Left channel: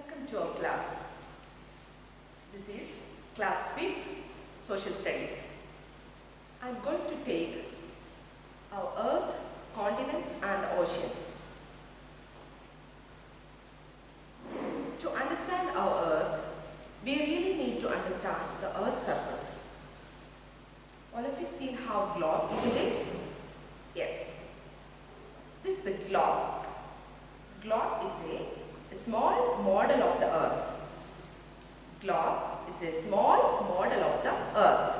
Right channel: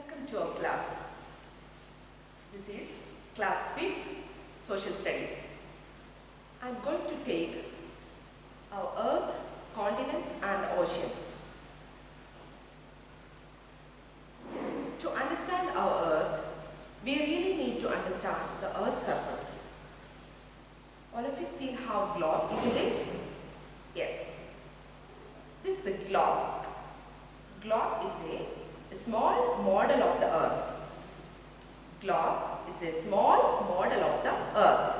Welcome to our class. This is class 5th Social Studies. I am going to take our earth, continents and oceans. To understand our earth, we really need to understand the earth's surface. All of you seen how globe, isn't it? Yes. This is the globe. Globe is a small model of the earth. Globe is a small model of the earth.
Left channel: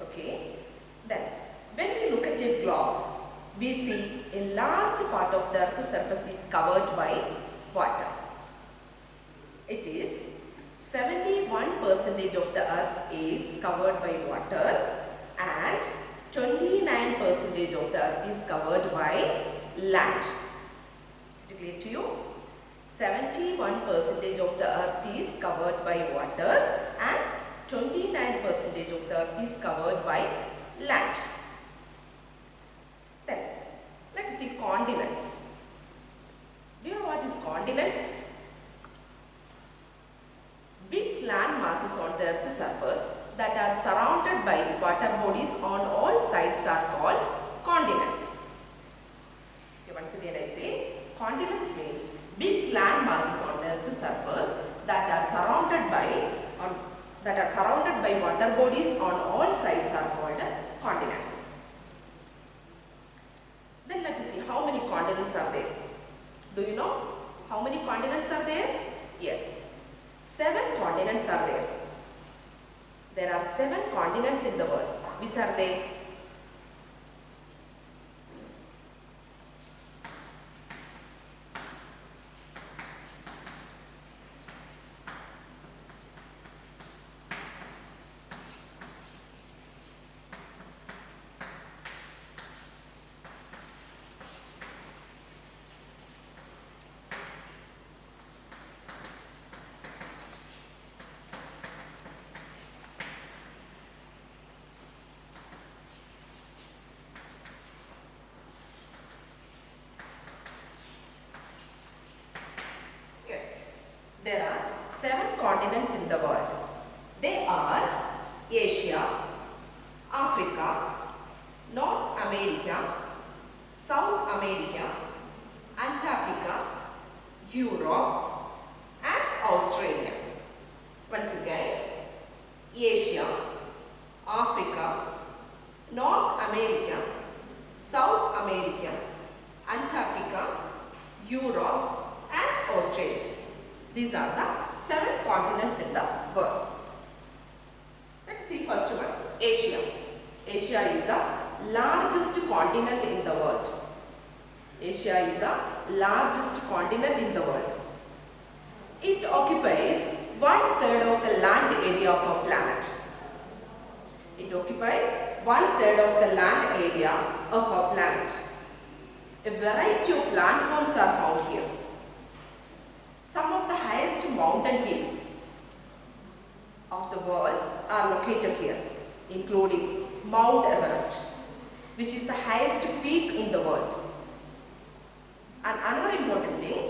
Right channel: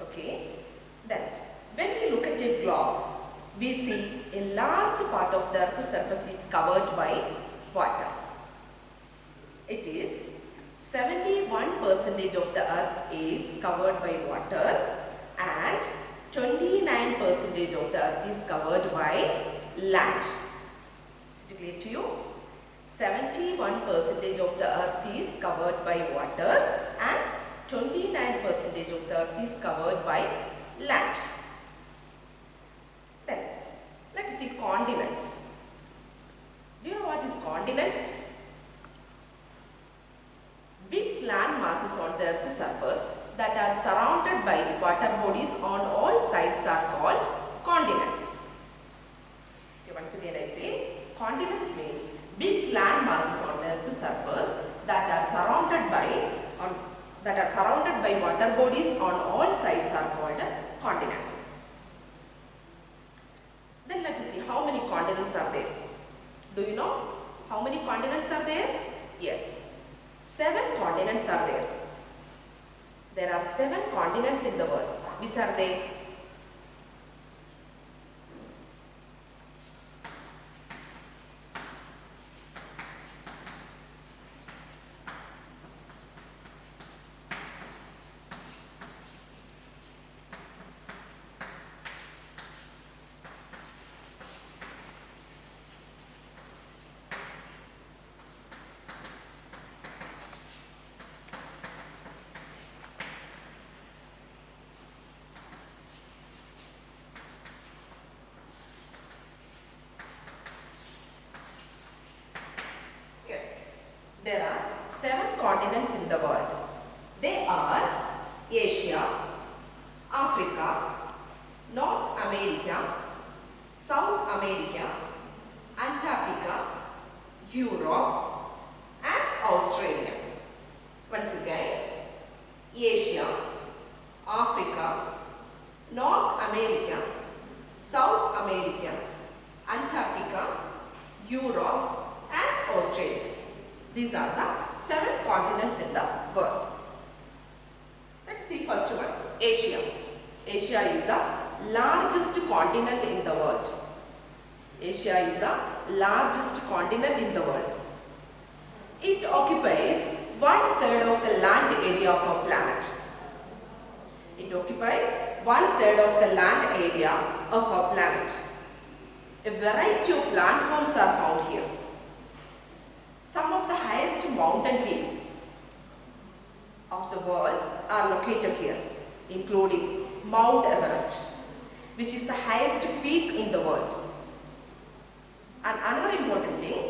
Okay. Then, when we look at a globe, we see a large part of the earth's surface is covered by water. It is 71% of the earth is covered by water and 29% of the earth is covered by land. Is it clear to you? 71% of the earth is covered by water and 29% of the earth is covered by land. Then, let us see continents. Do you know what is continents? Big land masses on the earth's surface that are surrounded by water bodies on all sides are called continents. Okay, once again I say, continents means big land masses on the earth's surface that are surrounded by water bodies on all sides are called continents. Then let us see how many continents are there. Do you know how many continents are there? Yes, 7 continents are there. There are 7 continents in the world. Which are they? There are 7 continents in the world. They are Asia, Africa, North America, South America, Antarctica, Europe and Australia. Once again, Asia, Africa, North America, South America, Antarctica, Europe and Australia. These are the 7 continents in the world. Let's see first one, Asia. Asia is the largest continent in the world. Asia is the largest continent in the world. It occupies 1/3 of the land area of our planet. It occupies 1/3 of the land area of our planet. A variety of landforms are found here. Some of the highest mountain peaks of the world are located here, including Mount Everest, which is the highest peak in the world. And another important thing,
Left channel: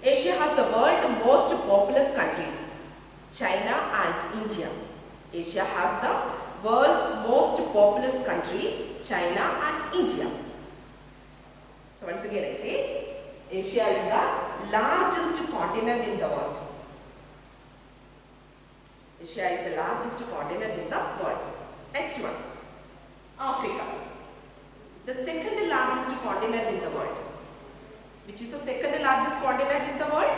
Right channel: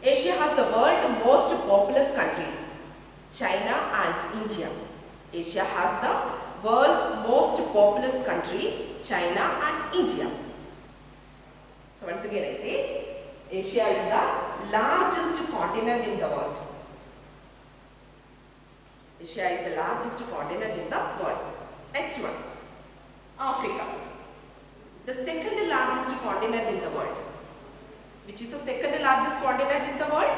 Asia has the world's most populous countries, China and India. Asia has the world's most populous country, China and India. So once again I say, Asia is the largest continent in the world. Asia is the largest continent in the world. Next one, Africa. The second largest continent in the world. Which is the second largest continent in the world?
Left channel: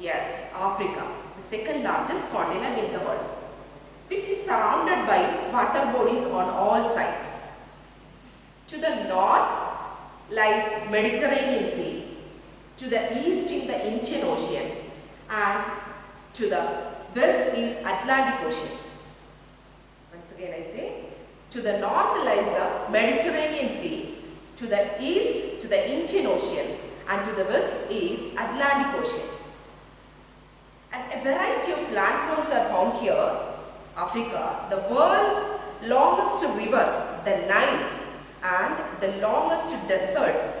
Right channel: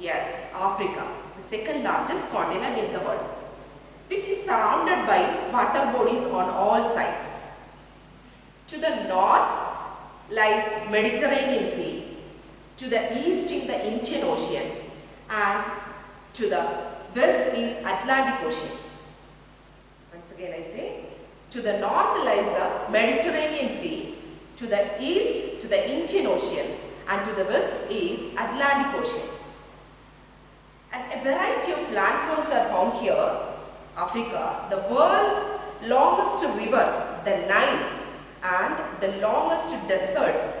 Yes, Africa. The second largest continent in the world. Which is surrounded by water bodies on all sides. To the north lies Mediterranean Sea. To the east in the Indian Ocean and to the west is Atlantic Ocean. Once again I say, to the north lies the Mediterranean Sea, to the east to the Indian Ocean and to the west is Atlantic Ocean. And a variety of landforms are found here. Africa, the world's longest river, the Nile, and the largest desert,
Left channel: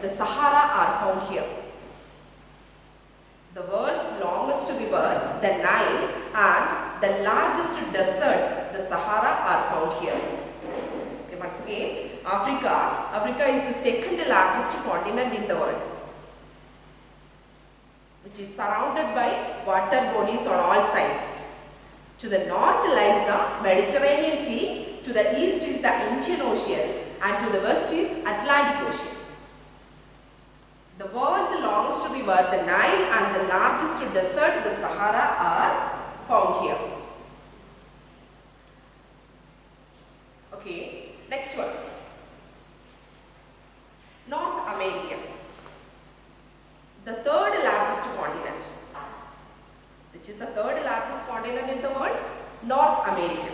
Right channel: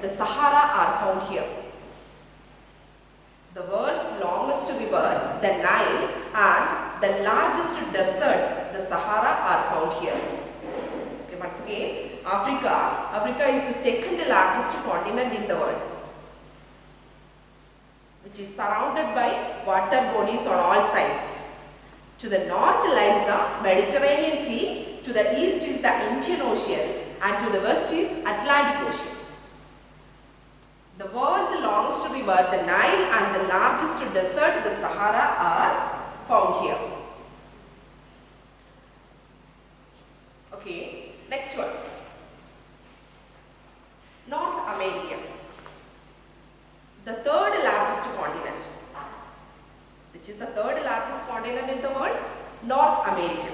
the Sahara are found here. the world's longest river, the Nile, and the largest desert, the Sahara, are found here. Okay, once again, Africa. Africa is the second largest continent in the world, which is surrounded by water bodies on all sides. To the north lies the Mediterranean Sea, to the east is the Indian Ocean, and to the west is Atlantic Ocean. The world's longest river, the Nile, and the largest desert, the Sahara, are found here. Okay, next one. North America, the third largest continent. Which is the third largest continent in the world? North America.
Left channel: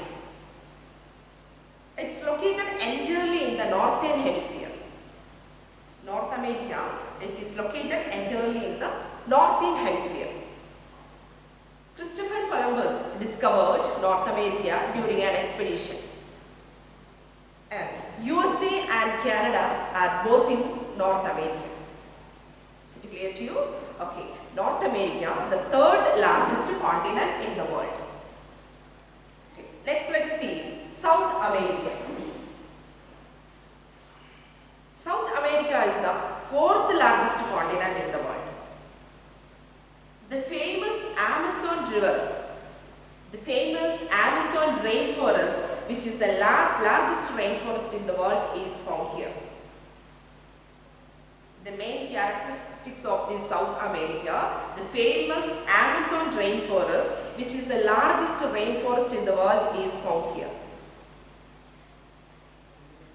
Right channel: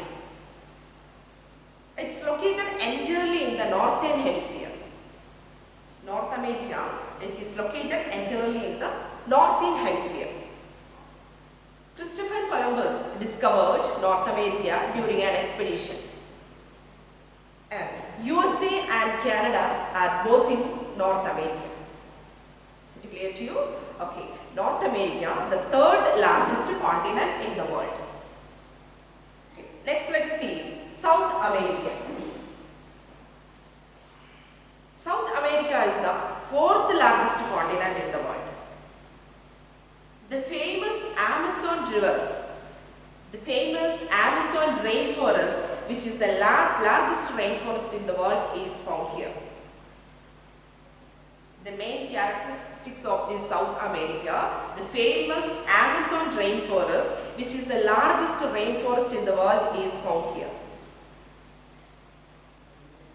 It's located entirely in the northern hemisphere. North America, it is located entirely in the northern hemisphere. Christopher Columbus discovered North America during an expedition. And USA and Canada are both in North America. Is it clear to you? Okay. North America, the third largest continent in the world. Okay. Next, let's see South America. South America is the fourth largest continent in the world. The famous Amazon River, the famous Amazon rainforest, which is the largest rainforest in the world, is found here. The main characteristics of this South America, the famous Amazon rainforest, which is the largest rainforest in the world, is found here.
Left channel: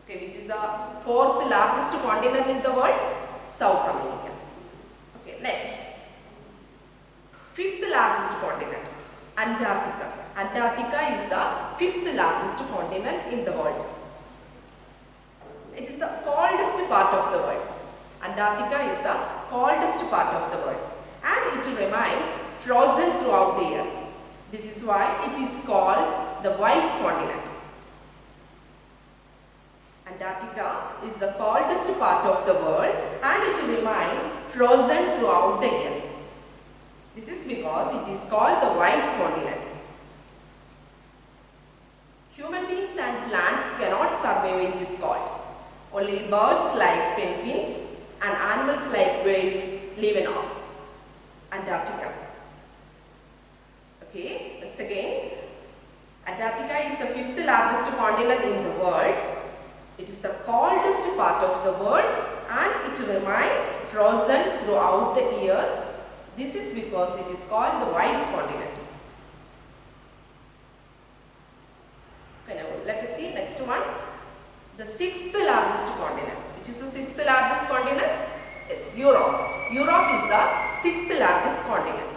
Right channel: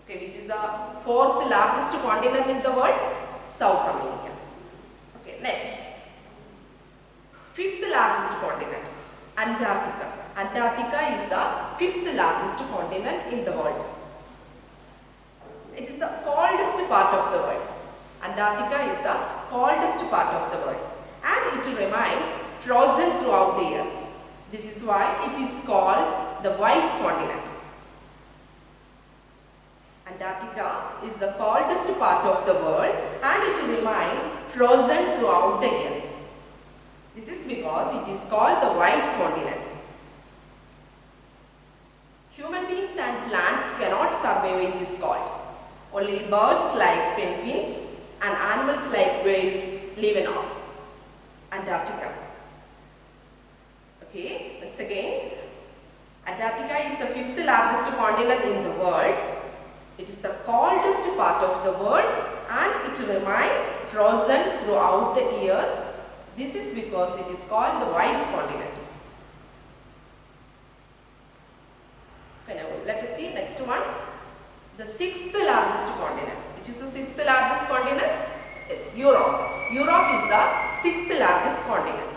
Okay, which is the fourth largest continent in the world? South America. Okay, next. Fifth largest continent, Antarctica. Antarctica is the fifth largest continent in the world. It is the coldest part of the world. Antarctica is the coldest part of the world, and it remains frozen throughout the year. This is why it is called the White Continent. Antarctica is the coldest part of the world, and it remains frozen throughout the year. This is because it is called the White Continent. Human beings and plants cannot survive in this cold. Only birds like penguins and animals like whales live in Antarctica. Okay, once again, Antarctica is the fifth largest continent in the world. It is the coldest part of the world, and it remains frozen throughout the year. This is because it is called the White Continent. Okay, now let us see next one. The sixth largest continent. Which is the sixth largest continent? Yes, Europe. Europe is the sixth largest continent.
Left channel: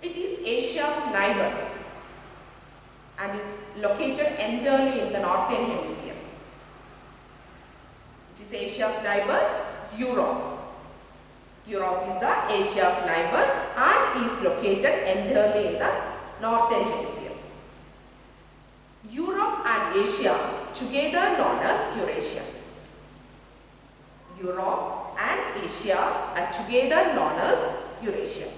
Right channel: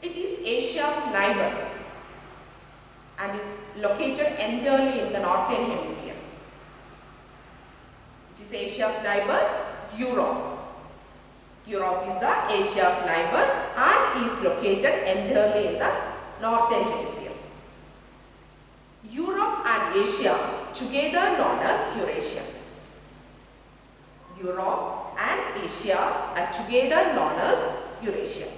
It is Asia's neighbor and is located entirely in the northern hemisphere. Which is Asia's neighbor? Europe. Europe is the Asia's neighbor and is located entirely in the northern hemisphere. Europe and Asia, together known as Eurasia. Europe and Asia are together known as Eurasia.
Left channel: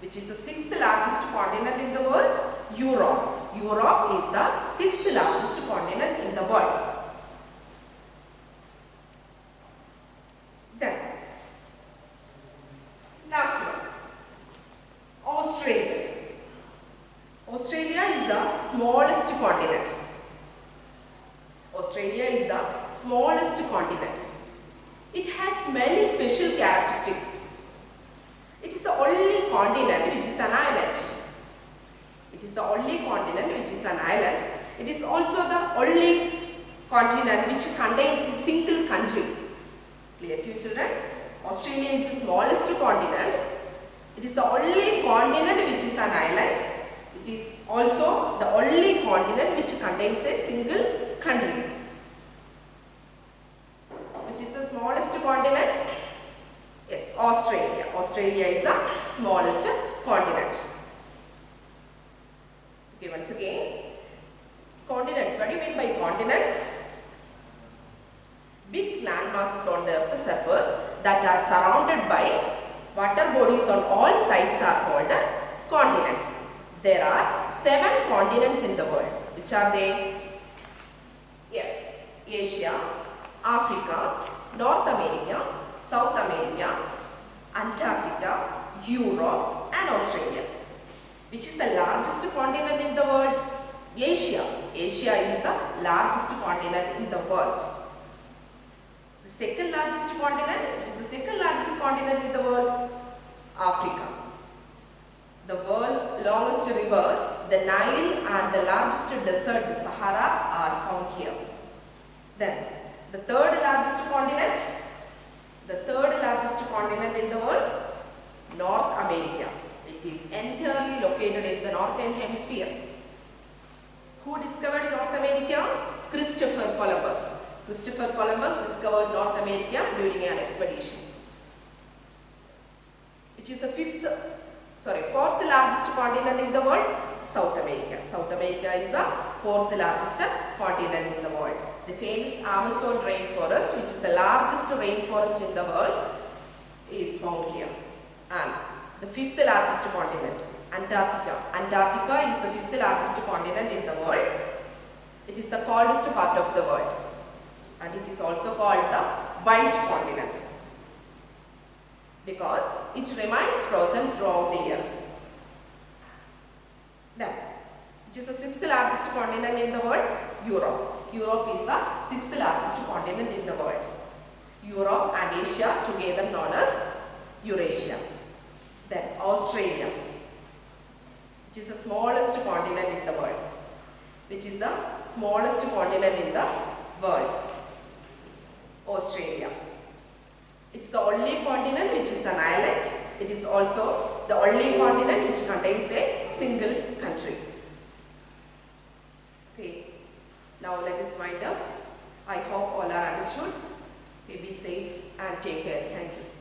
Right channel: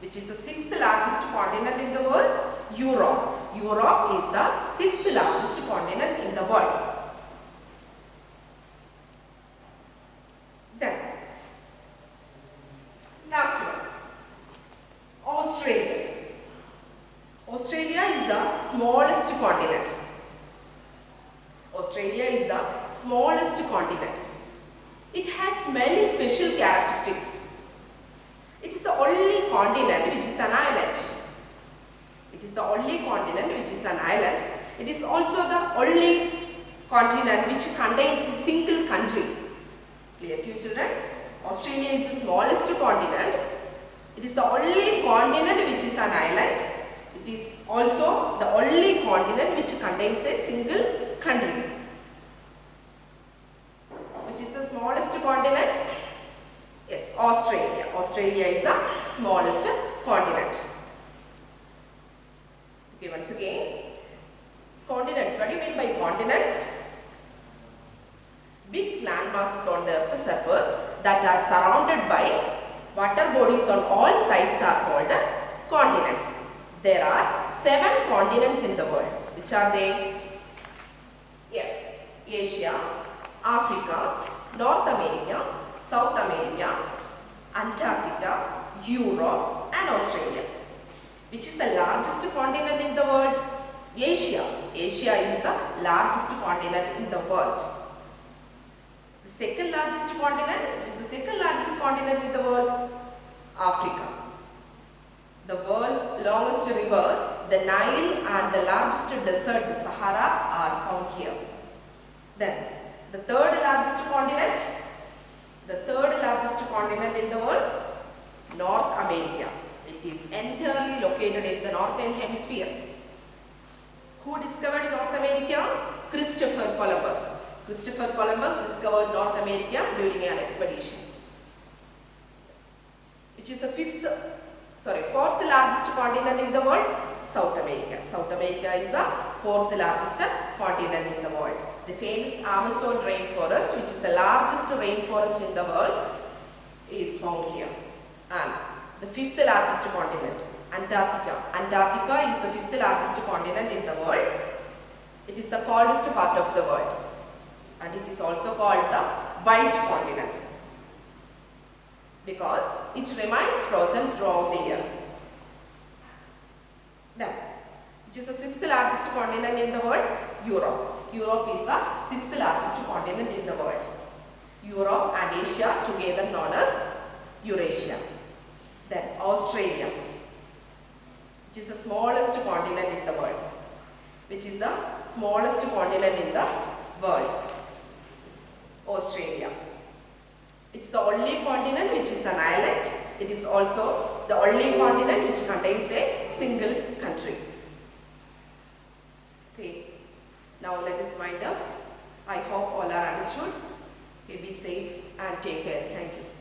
Which is the sixth largest continent in the world? Europe. Europe is the sixth largest continent in the world. Then, last one, Australia. Australia is the smallest continent. Australia is the smallest continent. It has many special characteristics. It is the only continent which is an island. It is the only continent which is an island. It is also the only continent which contains a single country. Clear to you, children? Australia is the smallest continent. It is the only continent which is an island. It is also the only continent which contains a single country. Which is the smallest continent? Yes, Australia. Australia is the smallest continent. Okay, once again, continents. What do you mean by continents? Big land masses on the Earth's surface that are surrounded by water bodies on all sides are called continents. There are 7 continents in the world. Which are they? Yes, Asia, Africa, North America, South America, Antarctica, Europe and Australia. Which is the largest continent in the world? Asia. Asia is the largest continent in the world. The second largest continent, which is the second largest continent in the world? Africa. The world's longest river, the Nile, and the largest desert, the Sahara, are found here. Then, the third largest continent in the world, North America. It is entirely located in the northern hemisphere. Who discovered North America? Christopher Columbus. Christopher Columbus discovered North America during an expedition. Which is the fourth largest continent in the world? South America. South America is the fourth largest continent in the world. The famous Amazon rainforest, which is the largest rainforest in the world, is found here. And the fifth largest continent, Antarctica. Antarctica is the fifth largest continent in the world. It is the coldest part of the world. And it is also called the white continent because it remains frozen throughout the year. Then, which is the sixth largest continent in the world? Europe. Europe is the sixth largest continent in the world. Europe and Asia together known as Eurasia. Then Australia, which is the smallest continent in the world. Which is the smallest continent in the world? Australia. It's the only continent which is an island. It is also the only continent which contains a single country. Okay. Now let us wind up. I hope all are understood. Okay, be safe and take care. Thank you.